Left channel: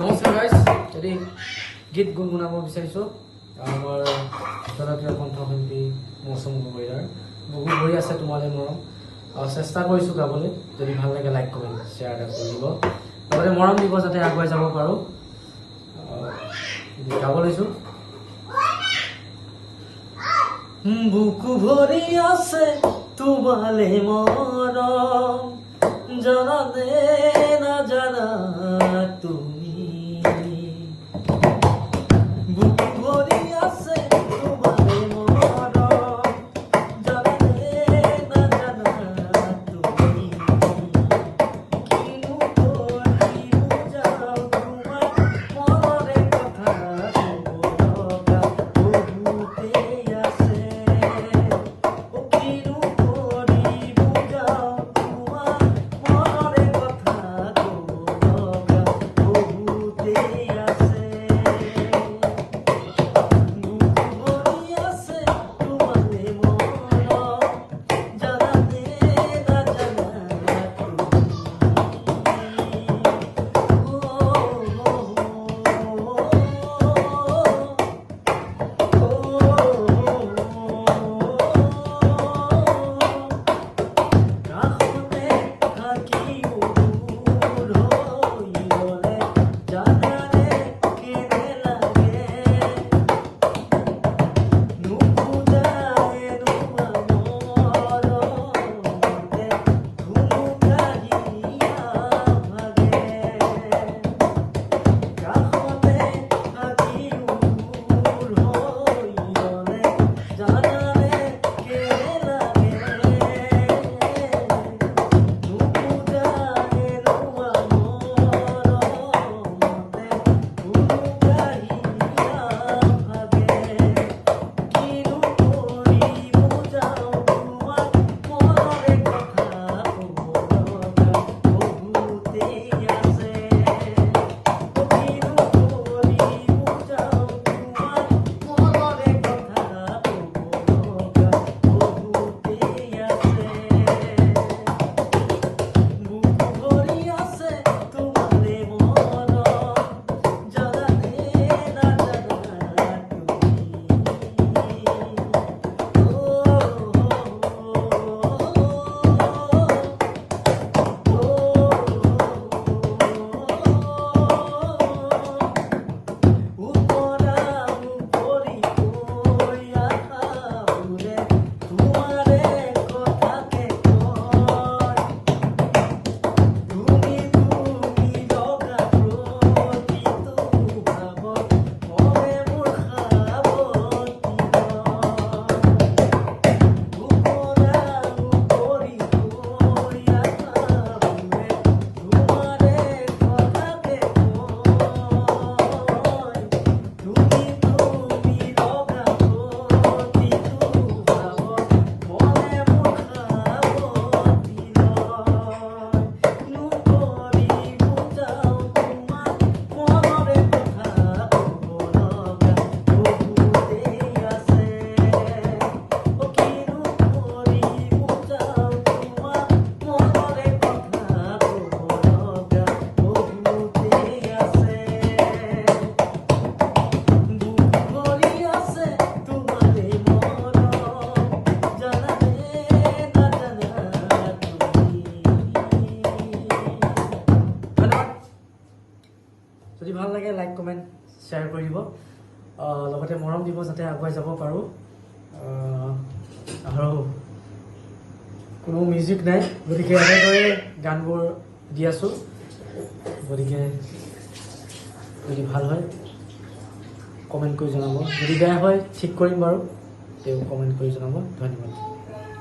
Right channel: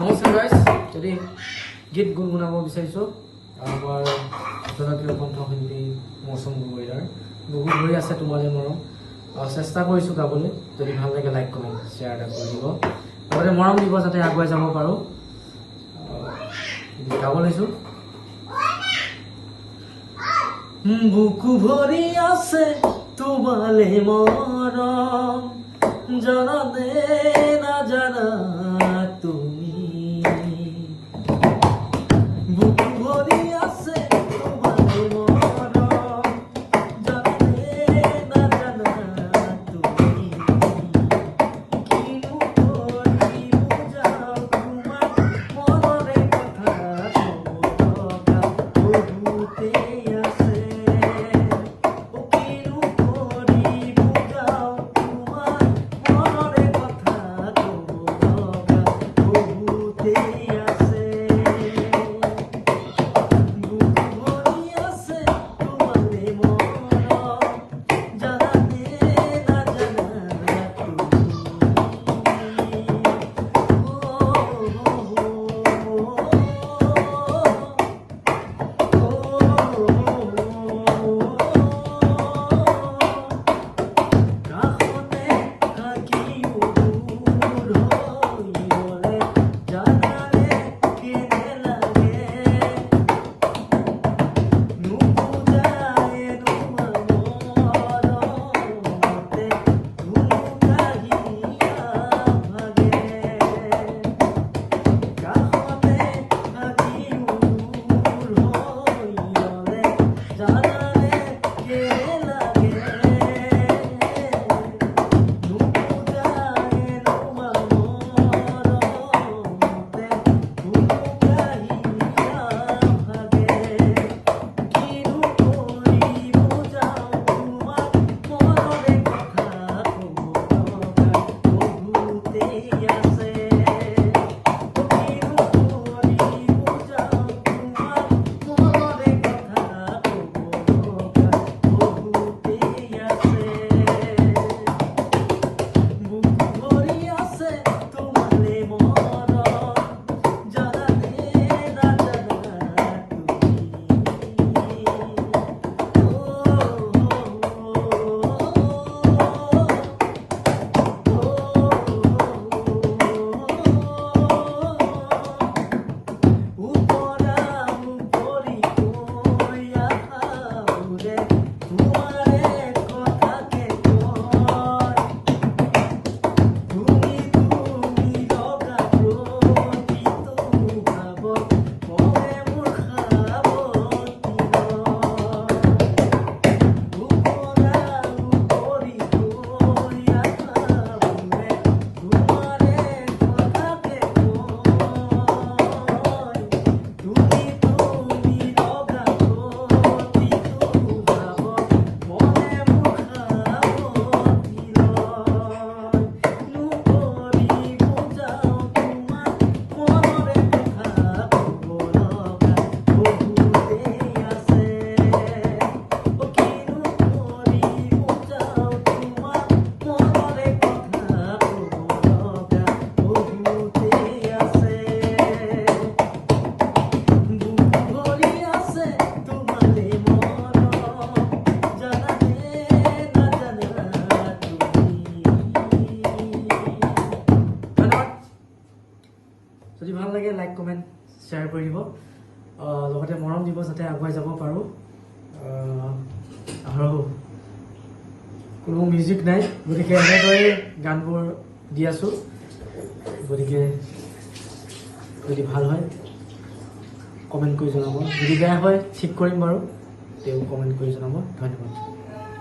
নমস্কাৰ গাইজ, যদি গীত গুণগুণাব বিচাৰিছোঁ আমাৰ জনপ্ৰিয় কণ্ঠশিল্পী মৌচুম গগৈৰ বহুত হৈ আছে তোমালৈ মৰম চেষ্টা কৰিছোঁ গাবলৈ। যদি ভাল লাগে লাইক কমেণ্ট শ্বেয়াৰ এটা কৰি দিব, লগতে মৰম দিব যাতে আগুৱাই যাব পাৰোঁ। গাব লৈছোঁ। বুকু ভৰি আছে তোমালে মৰম, জানা নে নাজানা তুমি, বুকু ভৰি আছে তোমালে মৰম, জানা নে নাজানা তুমি, কিনো কৰি বুজাও তোমাক মনৰে কথা ক'ব লগা বহুতেই আছে। যদি ভাল লাগে লাইক কমেণ্ট শ্বেয়াৰ কৰি দিব, লগতে মৰম দিব যাতে আগুৱাই যাব পাৰোঁ। আৰু কোনো মিউজিক নাই, গতিকে এনেদৰে গানবোৰ দি আছোঁ। গতিকে যদি ভাল হয় কমেণ্ট কৰি জনাব, যদি বেয়া হয় ঠিক কৰিম বাৰু, তেওঁ কমেণ্ট কৰি জনাব। ধন্যবাদ।